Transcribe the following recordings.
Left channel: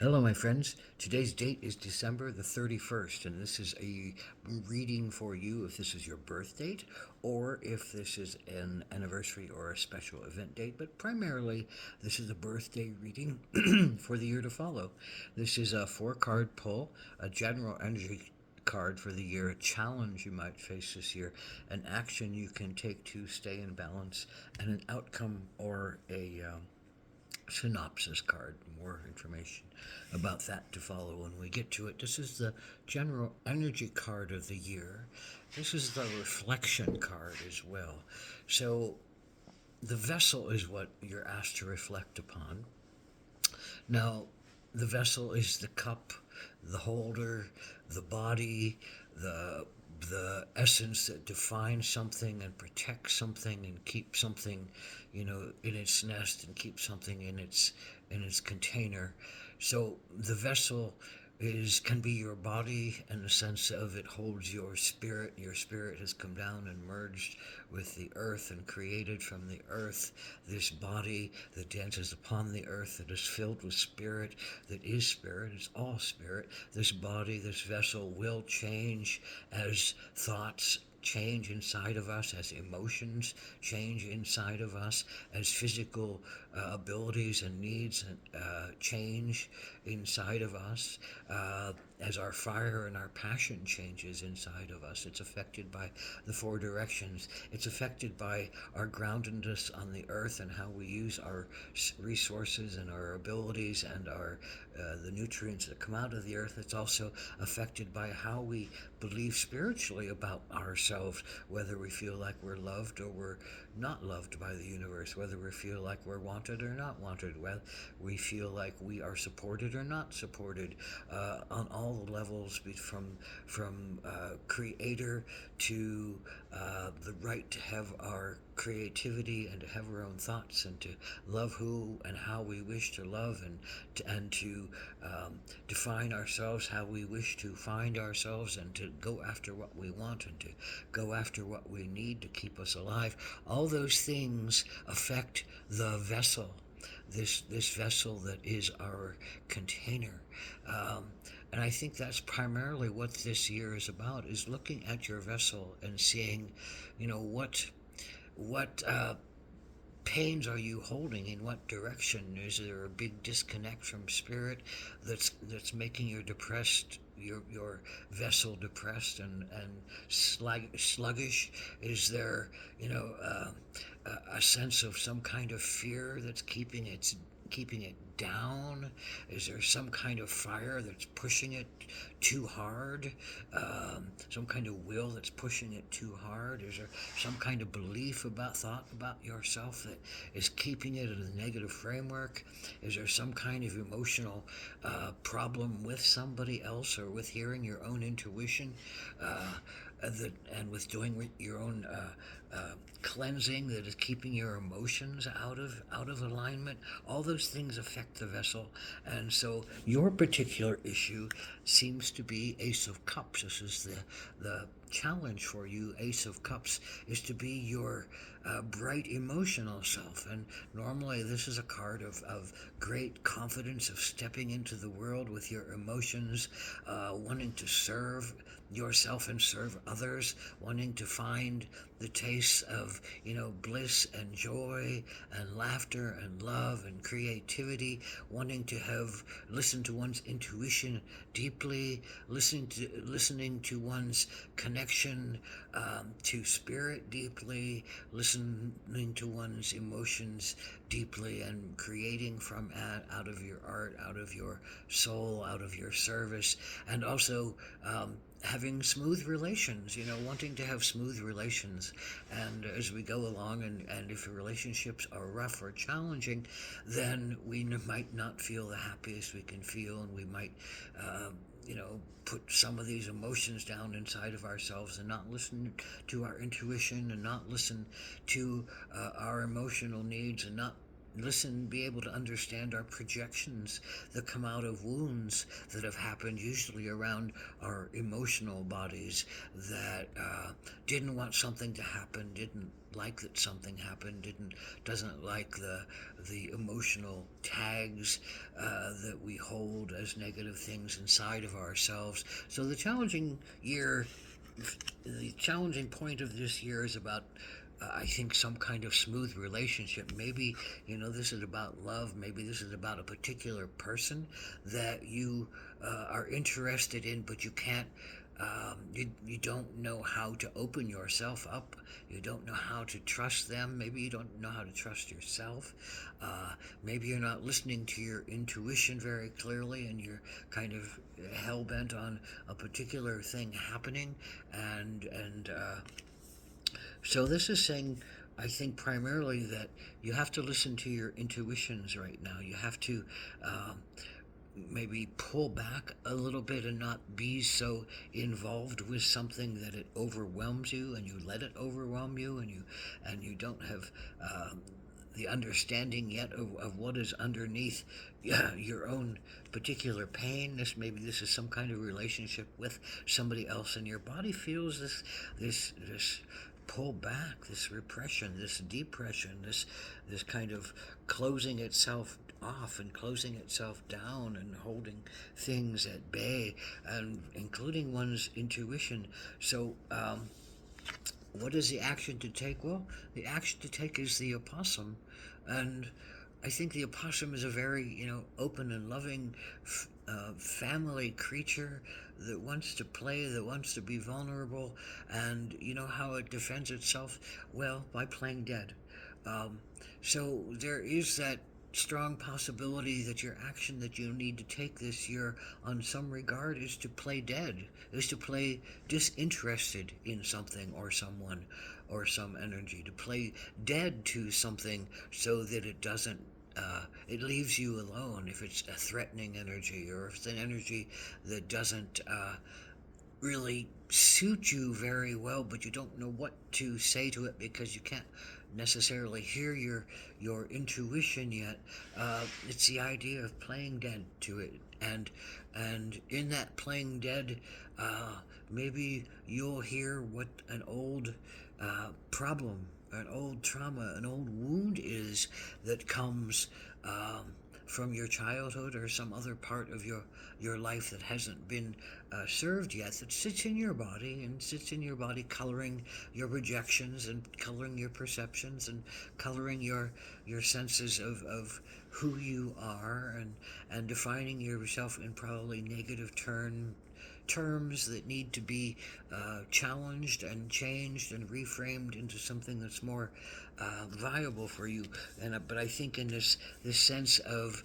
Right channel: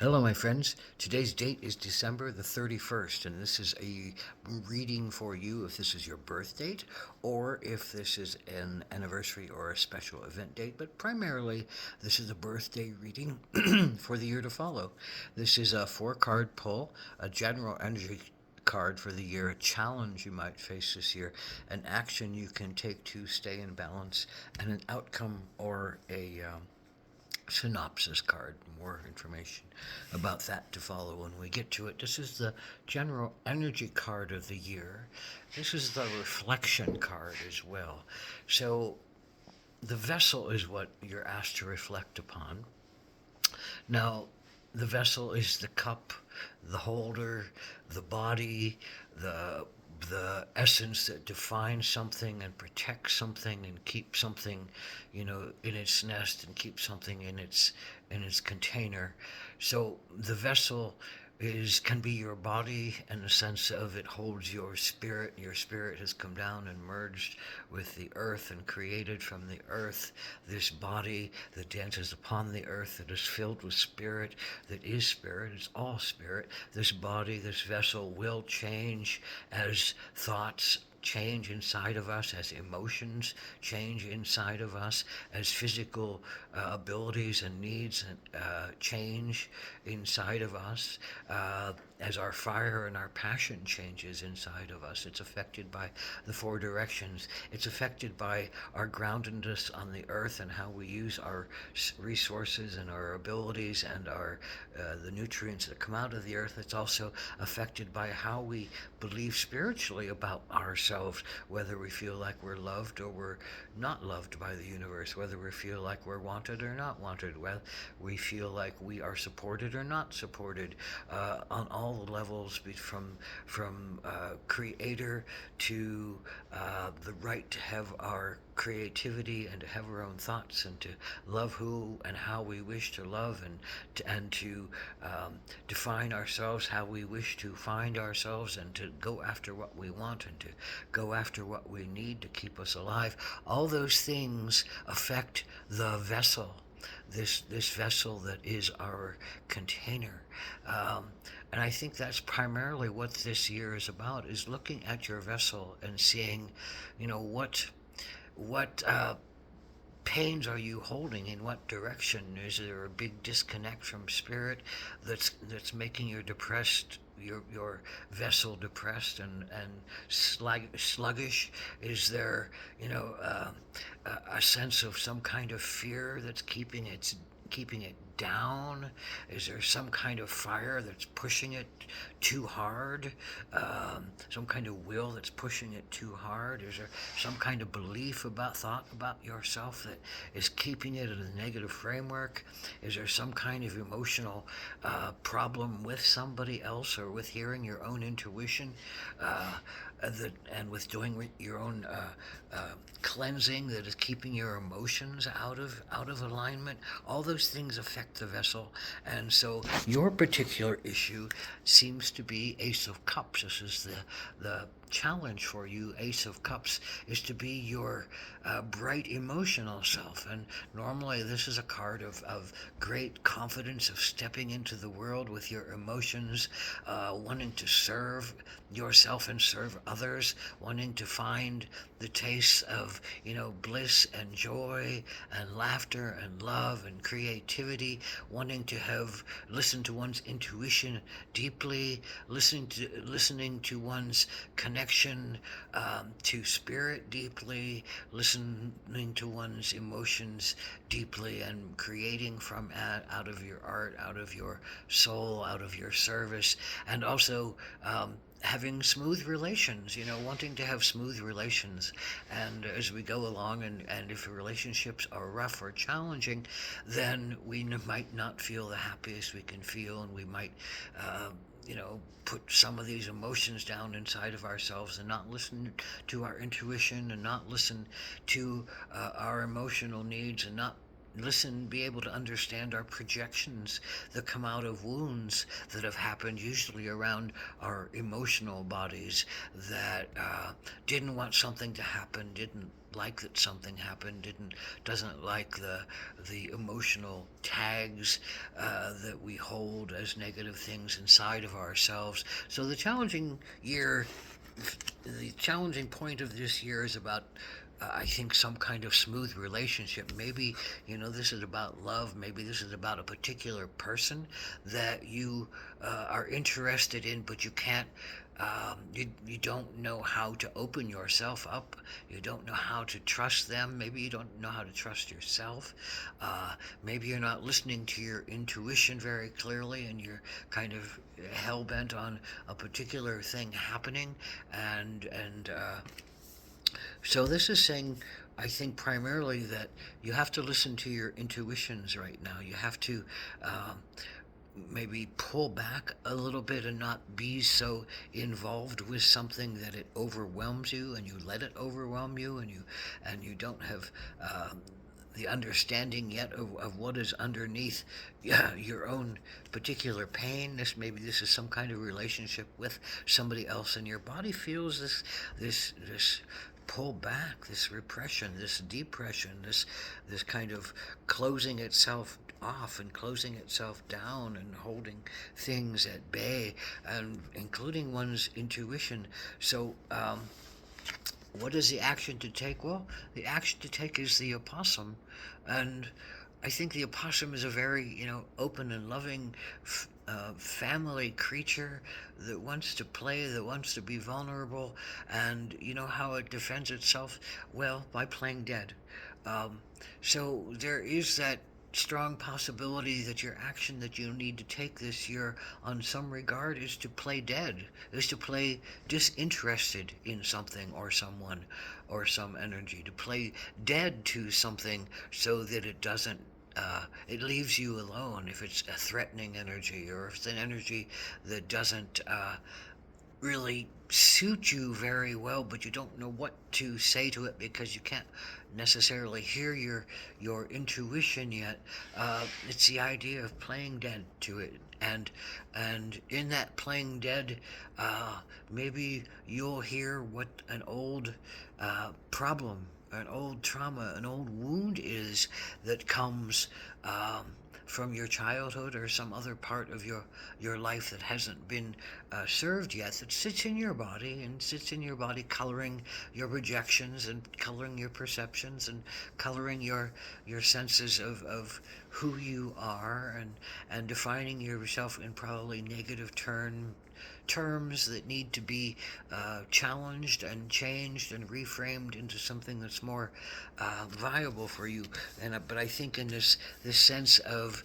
Hello, my friends. Today's date is December the 31st, and this is a reading for you if this is your birth date or if this is an anniversary or a special event date. But primarily, this is a birthday reading for the year to follow. This is a four-card pull, a general energy card for the year, a challenge you might face this year, an action you can take to stay in balance, and an outcome or a synopsis card. More information about that to follow when we get to it. This is the general energy card of the year. This is the reflection card as well. So the vessel is what you're asked to reflect upon. Now, the vessel is the cup, the holder, the body, the essence that defines something and protects something and keeps something, in its nest and keeps something in its container. So the vessel is can be your body in the sense of it holds your spirit. Your spirit has come down and merged with the earth and created from the earth this body that dances upon the earth, that is filled with spirit, that is spirit, it's all spirit. This body, this vessel will change as thoughts change inside of us, as emotions change inside of us, as physical abilities and needs change inside of us, as our fire and our passion changes inside of us. It's affected by the four directions. It's affected by our groundedness on the earth and how we use our resources and our abilities and our the nutrients that come out of the earth. It's also affected by how we believe spiritually about ourselves, whether we feel like we're loved or we're not loved by the universe, whether we feel like we're wanted or not wanted, whether we feel like we are supported or not supported, on all the levels, from creator to the right to have our creativity and to have our own thoughts and to love who and how we wish to love and to define ourselves how we wish to find ourselves and to go after what we want and to go after what we need to keep us alive. All those things affect the vessel, this vessel that is our container. Um, and I think that's primarily what this year is about: is looking at your vessel and seeing, what pains are you holding? In what direction? Is there a big disconnect from spirit that's making your vessel depressed and sluggish? Is there a sense of some kind of fear that's keeping it down? Is there some kind of fire that's pushing it too hard? Some kind of will that's pushing it too hard? Is there some kind of thought about yourself that is keeping it in a negative framework? Is there some kind of emotional problem with somebody else or with hearing your own intuition? And with doing your own cleansing that is keeping your emotions out of alignment. All those things affect the vessel, and so your particular issue seems to be Ace of Cups. This is the challenge for you. Ace of Cups is to be your bright emotional self, and normally this is a card of great confidence, of stepping into the world with your emotions, wanting to serve yourself and serve others, wanting to find the taste of bliss and joy and laughter and love and creativity, wanting to have listen to one's intuition deeply, listening to one's connection to spirit deeply, listening to one's emotions deeply, and creating from out of your art, out of your soul, out of your service, and also having smooth relations, wanting to have smooth relations. And as we go along, and if relationships are rough or challenging, then we might not feel the happiest we can feel, and we might, put some of these emotions down inside of ourselves and not listen to our intuition and not listen to our emotional needs and not be able to understand our projections that come out of wounds that have happened, usually around our emotional bodies, that didn't want something to happen, didn't like that something happened, doesn't like the emotional tags that we hold as negative things inside of ourselves. So the challenging point of this year is about I think some kind of smooth relationship. Maybe, this is about love. Maybe this is about a particular person that you are interested in, but you can't. You don't know how to open yourself up. You don't know how to trust them. Maybe you don't know how to trust yourself. Maybe you're not listening to your intuition very clearly, and you're kind of hell bent on a particular thing happening, and so this is saying, I think, primarily that you have to listen to your intuitions right now. You have to maybe pull back a little bit and not be so involved with something that it overwhelms you, and you let it overwhelm you, and you don't have the understanding yet of what is underneath your own particular pain. This is some kind of relationship with somebody else, and your body feels this pull back, this repression, this depression, this kind of closing itself off and closing itself down and holding things at bay, and including one's intuition. So what is the action to take? Well, the action to take is the opossum, and I think the opossum is a very, open and loving family creature that wants to play, that wants to be vulnerable, and you know how it defends itself? Well, by playing dead. So there is that strong possibility that your action that you need to take this year on some regard is to play dead, is to play disinterested in something or someone or some energy, to play dead to something so that it doesn't it leaves you alone if it's a threatening energy, or if it's an energy that doesn't really suit you very well, but you don't know what to say to it because you can't necessarily hear your intuition yet. It's the idea of playing dead to it, and in that playing dead, maybe you'll hear what an old problem, an old trauma, an old wound is that comes from your childhood or some other part of your life that hasn't been served yet, that sits in your body and sits in your body, coloring your projections and coloring your perceptions and coloring your senses of who you are, and defining yourself in probably negative terms that need to be challenged and changed and reframed into something that's more viable for you. But I think in this sense of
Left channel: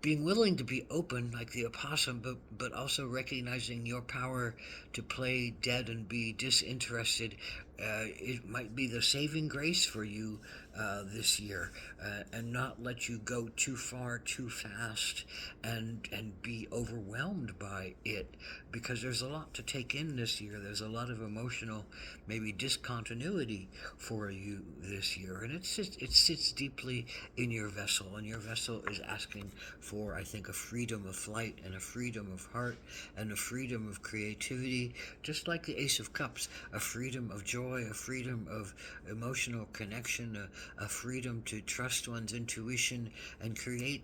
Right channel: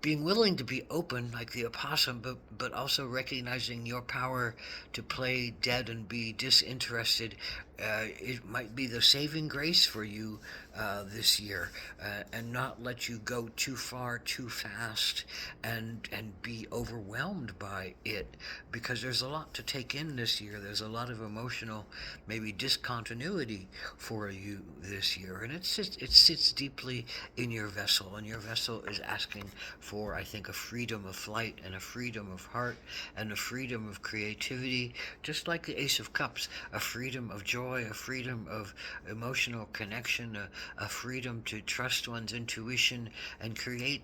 being willing to be open like the opossum, but also recognizing your power to play dead and be disinterested, it might be the saving grace for you this year, and not let you go too far too fast and be overwhelmed by it, because there's a lot to take in this year. There's a lot of emotional, maybe discontinuity for you this year, and it sits deeply in your vessel, and your vessel is asking for, I think, a freedom of flight and a freedom of heart and a freedom of creativity, just like the Ace of Cups, a freedom of joy, a freedom of emotional connection, a freedom to trust one's intuition and create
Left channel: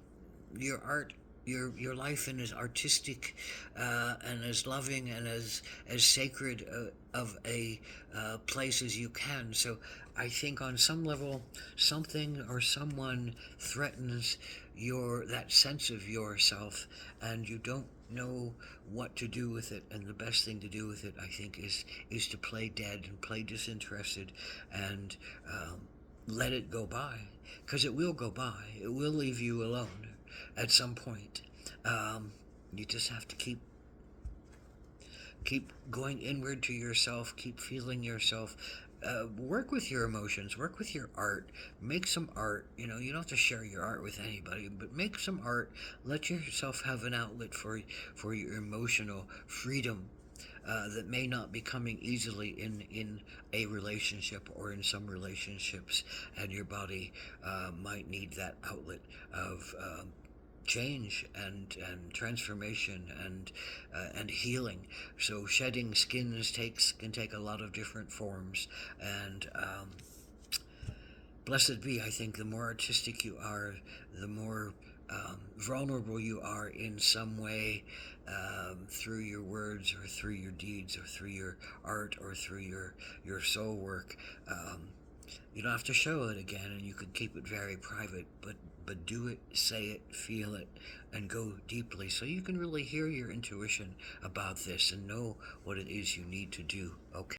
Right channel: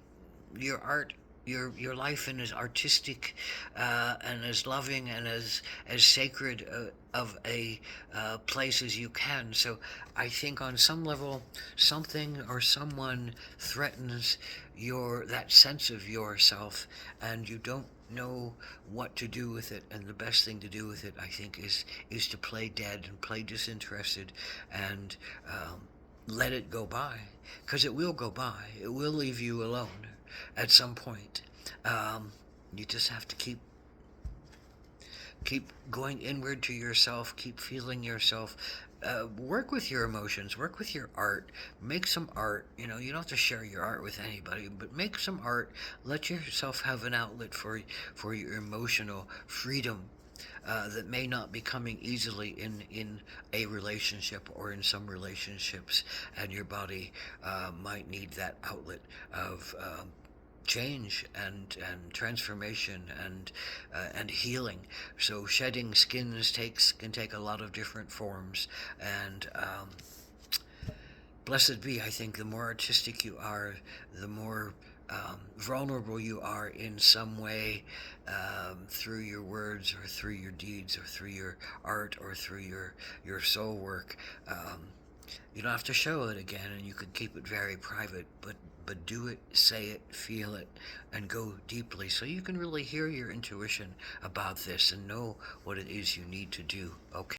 your art, your life in as artistic and as loving and as sacred of a place as you can. So I think on some level, something or someone threatens that sense of yourself, and you don't know what to do with it. And the best thing to do with it, I think, is to play dead and play disinterested, and let it go by, because it will go by. It will leave you alone at some point. You just have to keep going inward to yourself, keep feeling yourself, work with your emotions, work with your art, make some art. You don't have to share your art with anybody, but make some art. Let yourself have an outlet for your emotional freedom that may not be coming easily in a relationship or in some relationships, and your body might need that outlet of change and transformation and healing. So shedding skins can take a lot of different forms, and Blessed be, I think, the more artistic you are, the more vulnerable you are in some way, through your words or through your deeds or through your art or through your soul work. Um, you don't have to show it again, and you can keep it very private, but do it, say it, feel it, and go deeply so you can really hear your intuition about this and know what it is you need to do. Okay.